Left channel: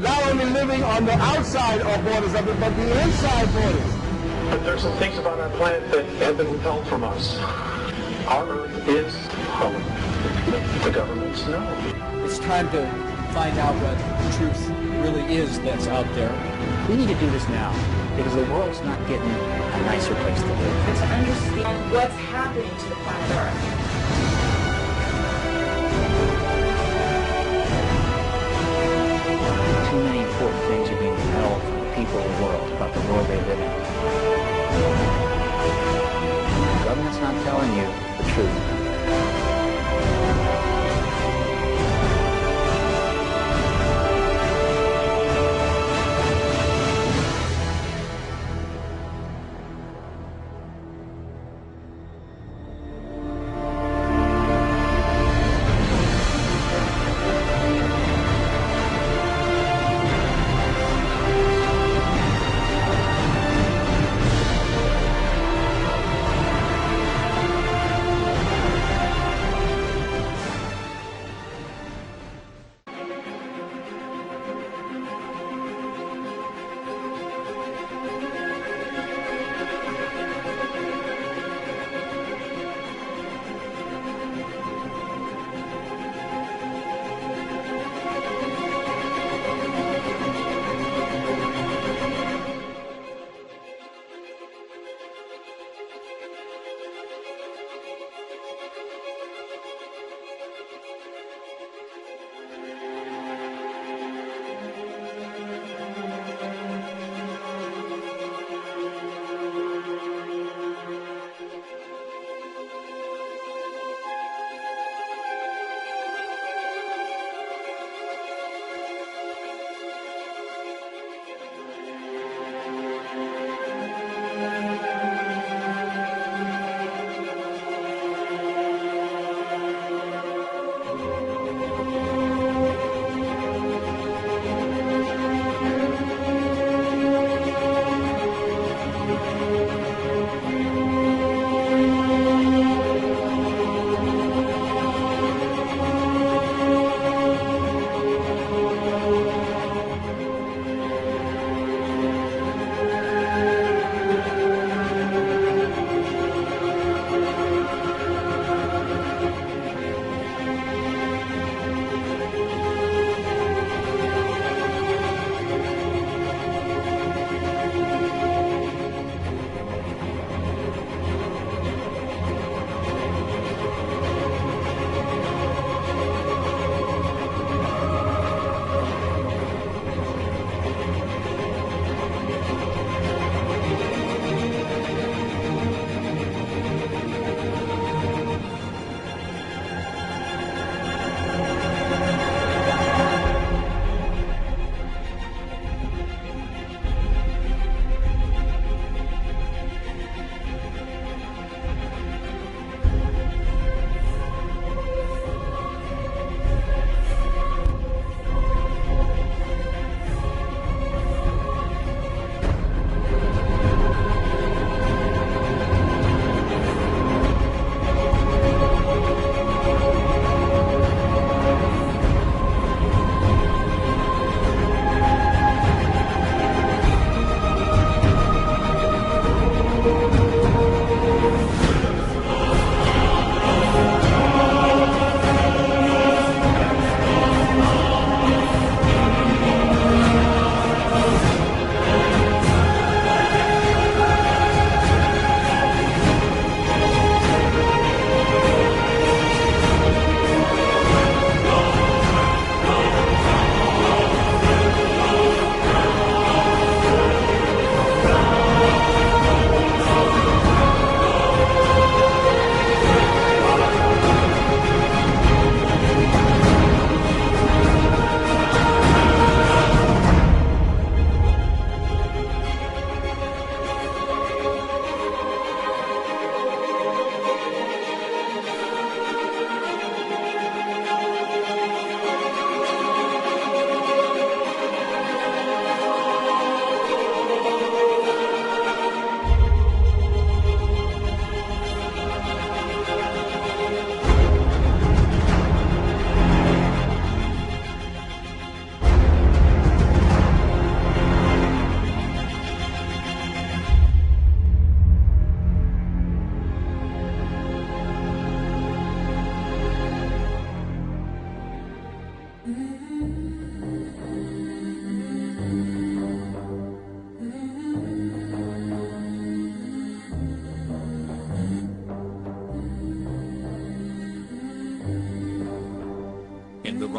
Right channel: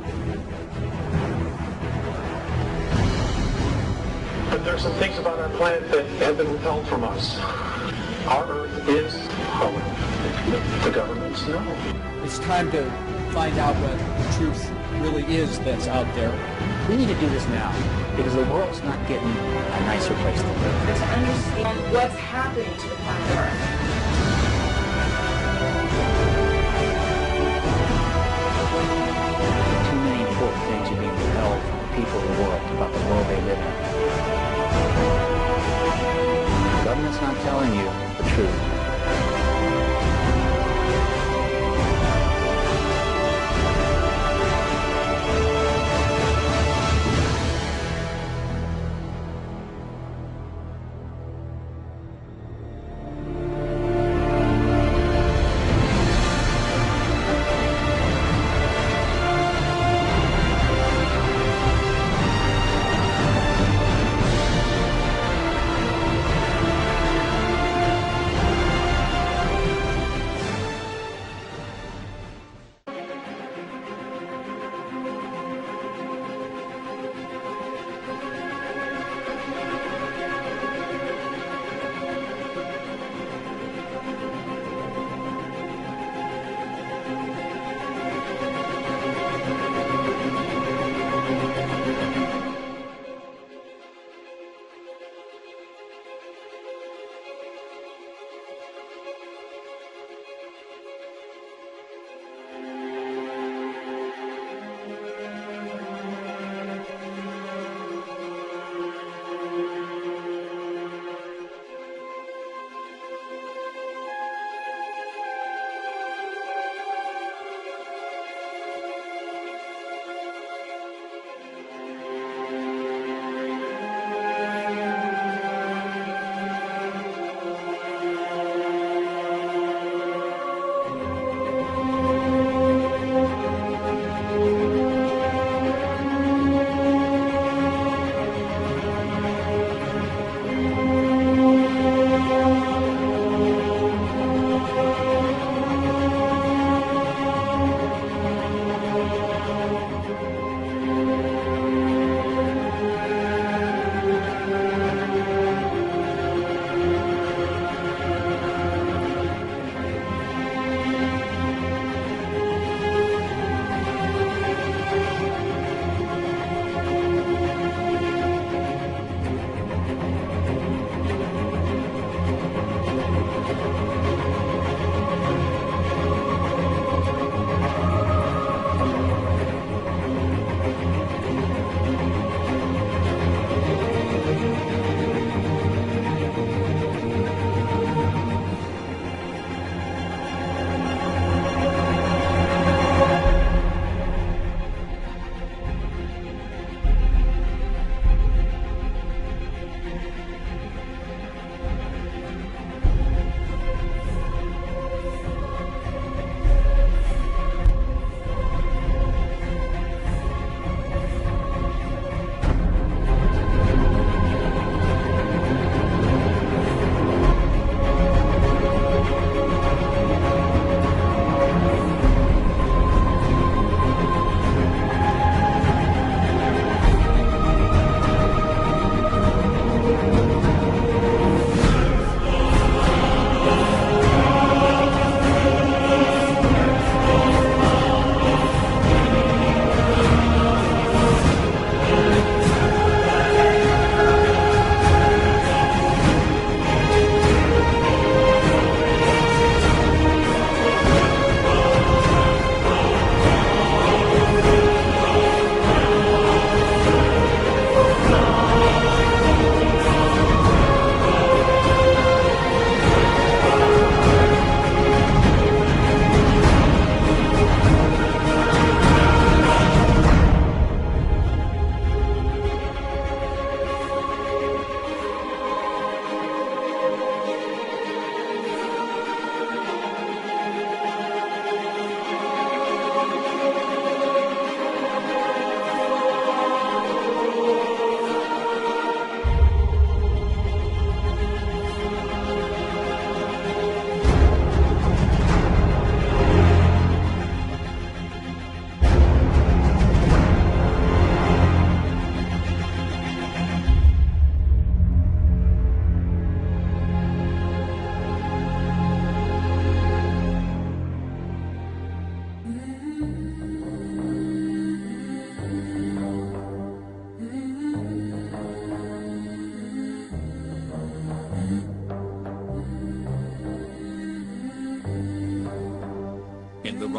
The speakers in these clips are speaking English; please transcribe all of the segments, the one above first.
not only living on the outside of borders of it, but the inside borders. But there's some things about our planet that have been withheld from us. Our Earth is hollow. The governments know. It's time to find out what the truth really is that's out there. We need to do this now because the world's not getting a nicer place to live. To understand what's happening to the planet Earth. Too many important things are being withheld from the people of the world about the world they live in. The government's not telling you the truth.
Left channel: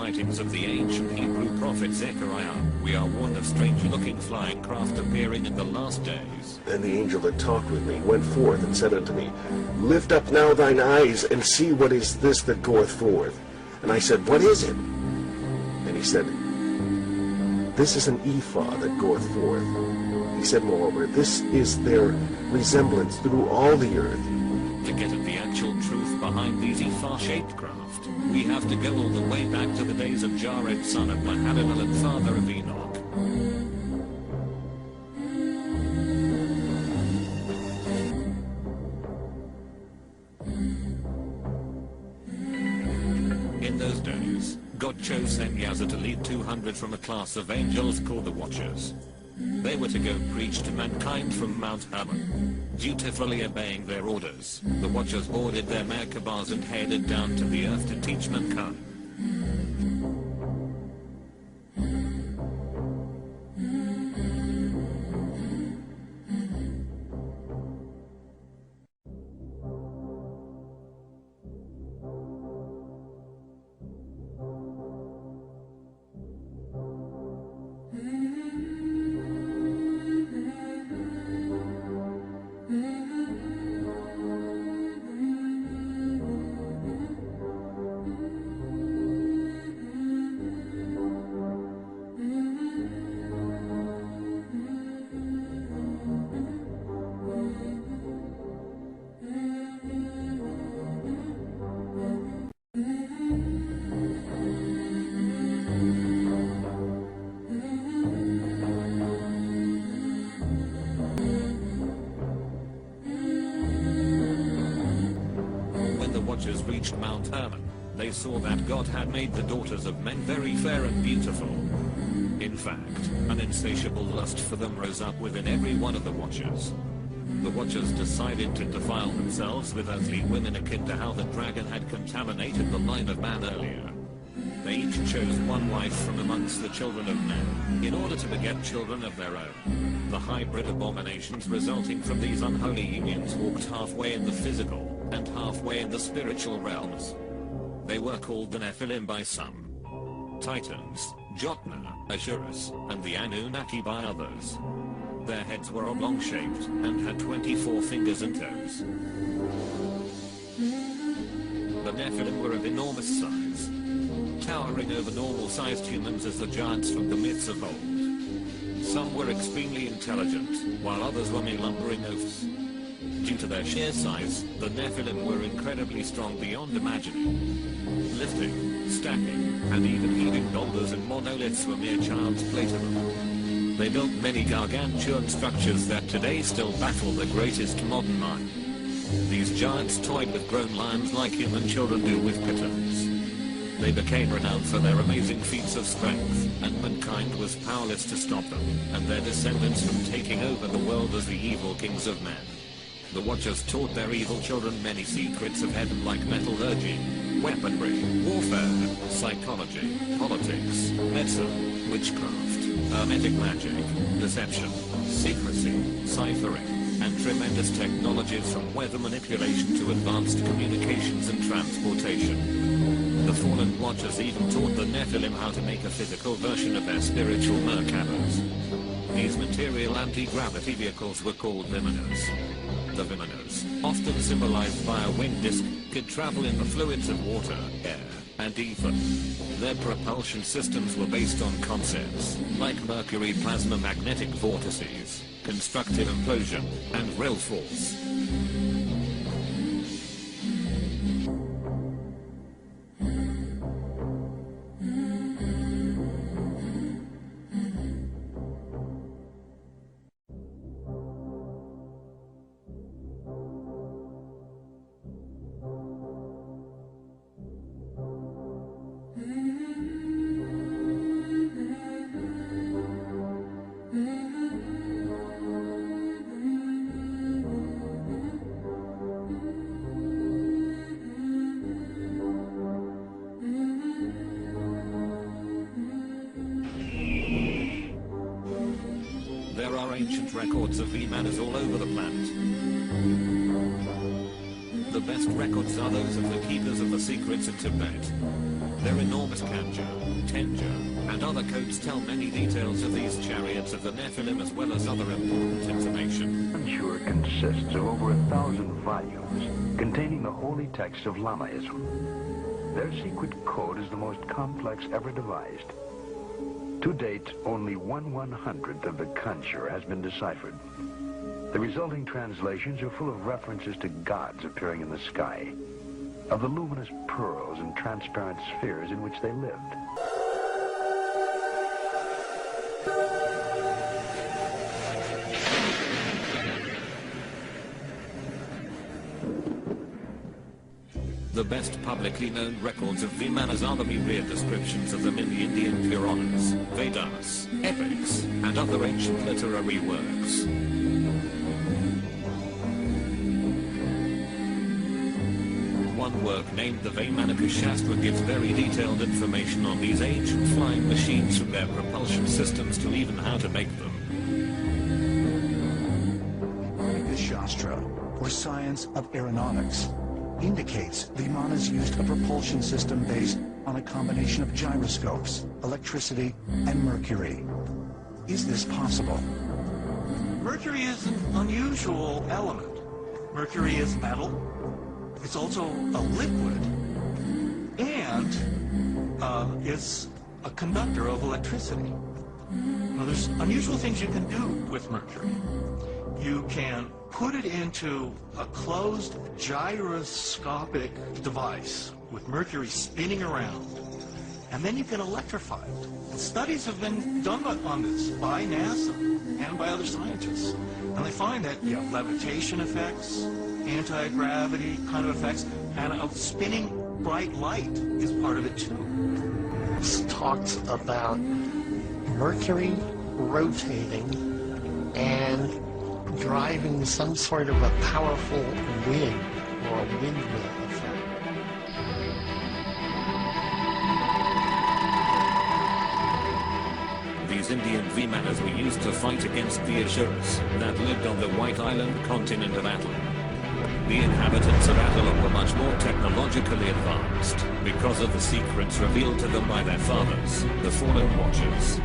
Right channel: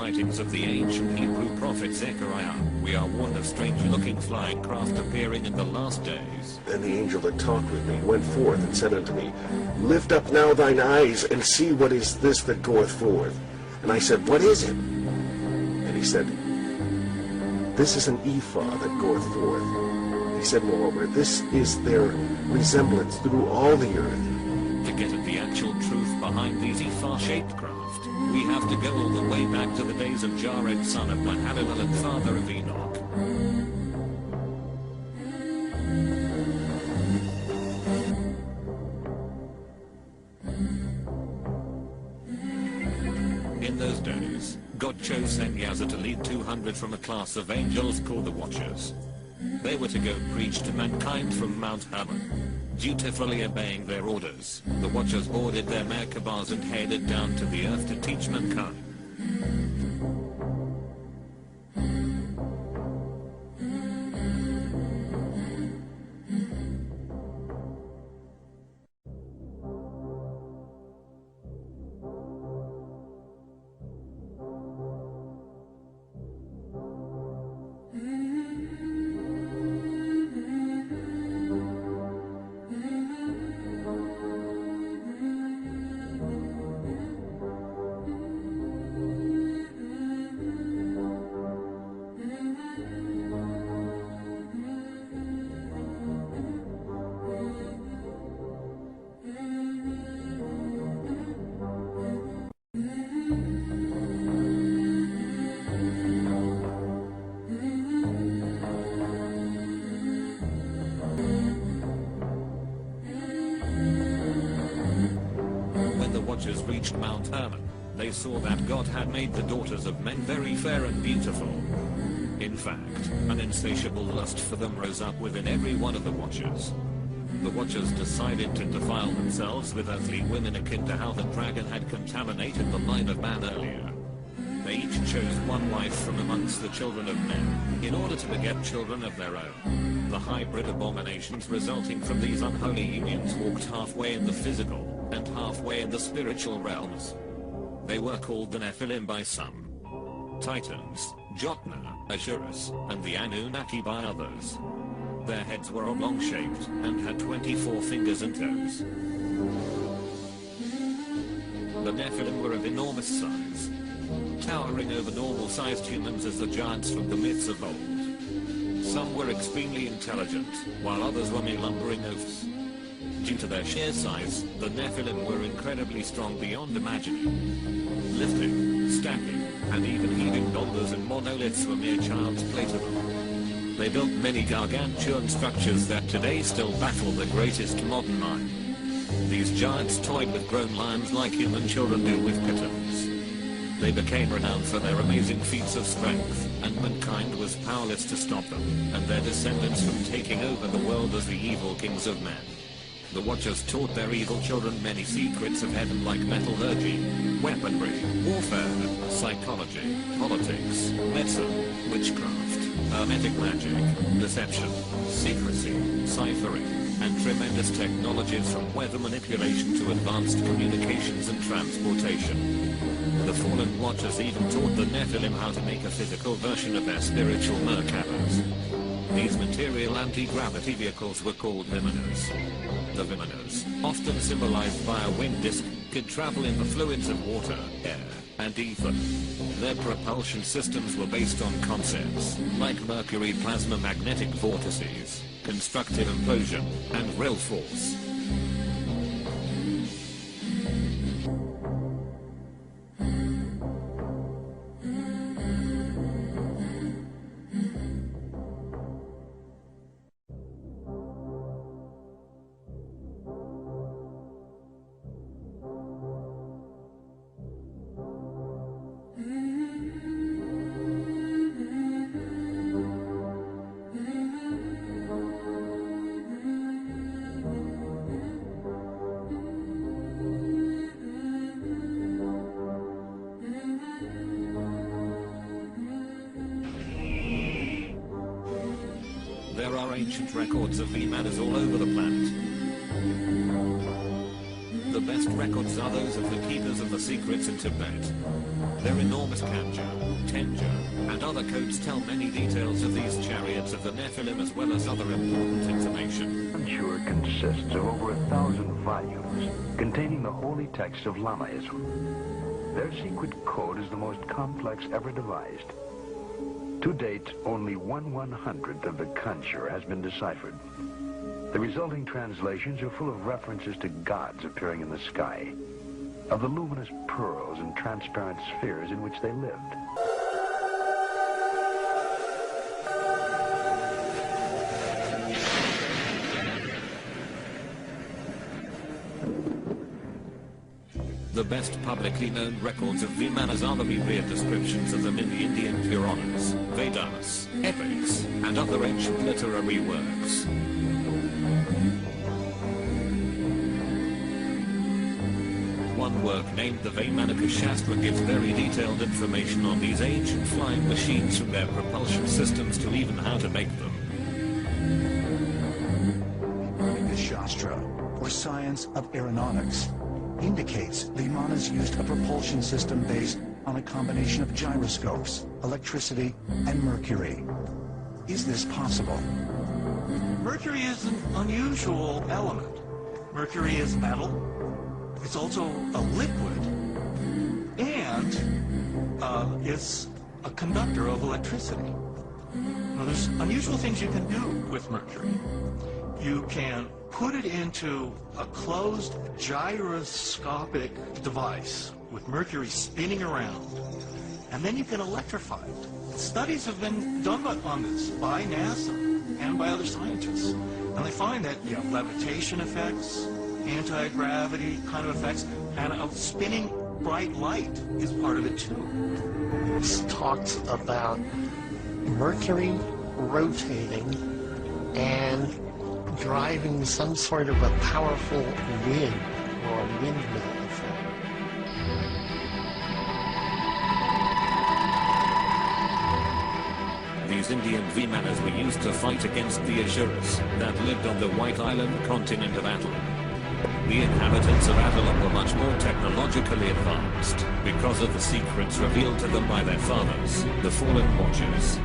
writings of the ancient Hebrew prophet Zechariah, we are warned of strange-looking flying craft appearing in the last days. And the angel that talked with me went forth and said unto me, Lift up now thine eyes, and see what is this that goeth forth. And I said, What is it? And he said, This is an ephah that goeth forth. He said, moreover, this is their resemblance through all the earth. To get at the actual truth behind these ephah-shaped craft, we have to go all the way back to the days of Jared, son of Mahalalel and father of Enoch. In those days, God chose Eliezer to lead 200 from a class of angels called the Watchers. They were to go preach to mankind from Mount Hermon. Dutifully obeying their orders, the Watchers boarded their Merkabahs and headed down to the earth to teach mankind. Watchers reached Mount Hermon, they saw that God had made the daughters of men very fair and beautiful. In fact, an insatiable lust for them rose up within every one of the Watchers. The Watchers decided to defile themselves with earthly women akin to how the dragon had contaminated the line of man earlier. They each chose one wife from amongst the children of men, in order to beget children of their own. The hybrid abominations resulting from these unholy unions walked halfway in the physical, and halfway in the spiritual realms. They were called the Nephilim by some, Titans, Jotna, Ashurus, and the Anunnaki by others. Their heads were oblong-shaped, and had 24 fingers and toes. The Nephilim were of enormous size, towering over normal-sized humans as the giants from the myths of old. Some were extremely intelligent, while others were mere lumbering oafs. Due to their sheer size, the Nephilim were incredibly strong beyond imagining. Lifting, stacking, and even heaving boulders and monoliths were mere child's play to them. They built many gargantuan structures that today still baffle the greatest modern mind. These giants toyed with grown lions like human children do with kittens. They became renowned for their amazing feats of strength, and mankind was powerless to stop them, and their descendants from taking over the world as the evil kings of men. The Watchers taught their evil children many secrets of heaven like metallurgy, weaponry, warfare, psychology, politics, medicine, witchcraft, hermetic magic, deception, secrecy, ciphering, and tremendous technologies from weather manipulation to advanced communications and transportation. The fallen Watchers even taught the Nephilim how to make a physical version of their spiritual Merkabahs. These material anti-gravity vehicles were called Vimanas. The Vimanas, often symbolized by a winged disc, could travel in the fluids of water, air, and ether. Their propulsion systems were based on concepts like mercury plasma magnetic vortices, constructive implosion, and real force. There are ancient records of Vimanas all over the planet. The best records are those of the keepers of the secrets in Tibet. Their enormous kanji, tenja, and other codes tell many details of these chariots of the Nephilim as well as other important information. Kanjur consists of over 1,000 volumes containing the holy text of Lamaism. Their secret code is the most complex ever devised. To date, only 1/100th of the Kanjur has been deciphered. The resulting translations are full of references to gods appearing in the sky, of the luminous pearls and transparent spheres in which they lived. The best publicly known records of Vimanas are the myriad descriptions of them in the Indian Puranas, Vedas, epics, and other ancient literary works. One work named the Vaimanika Shastra gives very detailed information on these ancient flying machines, from their propulsion systems to even how to make them. The Shastra, or science of aeronautics, indicates the Vimanas used a propulsion system based on a combination of gyroscopes, electricity, and mercury. Is this possible? Mercury is an unusual element. Mercury is metal. It's also a liquid, and it's a conductor of electricity. Now, there's unusual things you can do with mercury. You can put it into a closed gyroscopic device with mercury spinning around, and then you can electrify it. Studies have been done on this by NASA and by other scientists, and they find that you have levitation effects, anti-gravity kind of effects, and a spinning bright light is part of it too. This talks about Mercury rotating and driving some sort of a powerful wind or a windmill effect. These Indian Vimanas were used to fight against the Asuras that lived on the White Island continent of Atlantean. The inhabitants of Atlantean were much more technologically advanced because of the secrets revealed to them by their fathers, the Fallen Watchers.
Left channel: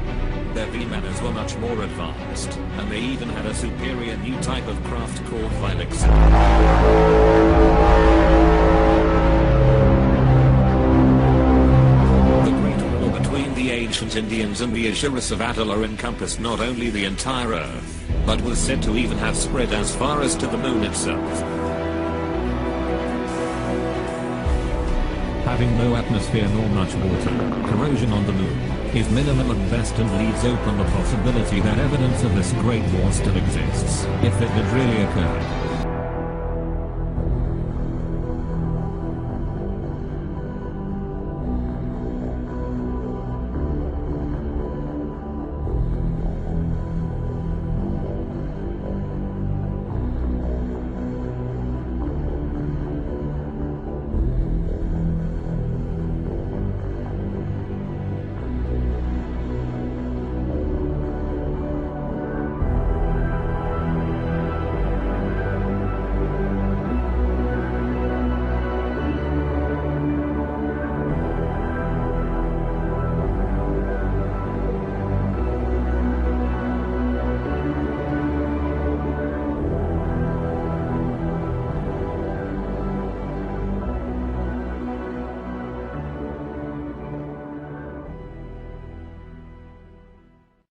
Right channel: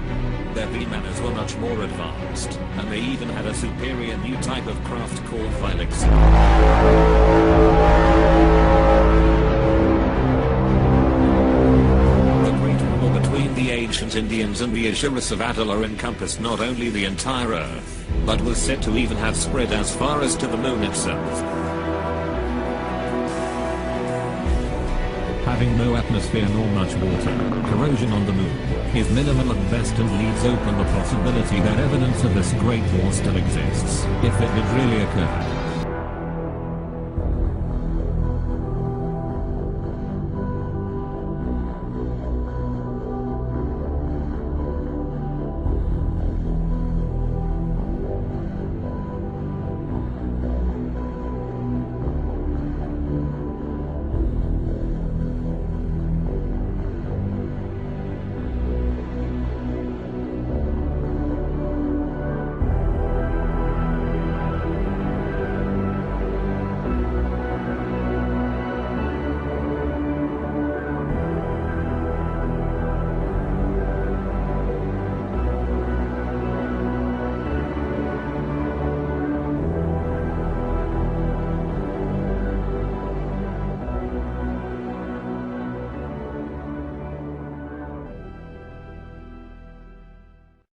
Their Vimanas were much more advanced, and they even had a superior new type of craft called Vilexin. The Great War between the ancient Indians and the Asuras of Atlantean encompassed not only the entire Earth, but was said to even have spread as far as to the moon itself. Having no atmosphere nor much water, corrosion on the moon is minimal at best and leaves open the possibility that evidence of this great war still exists, if it did really occur.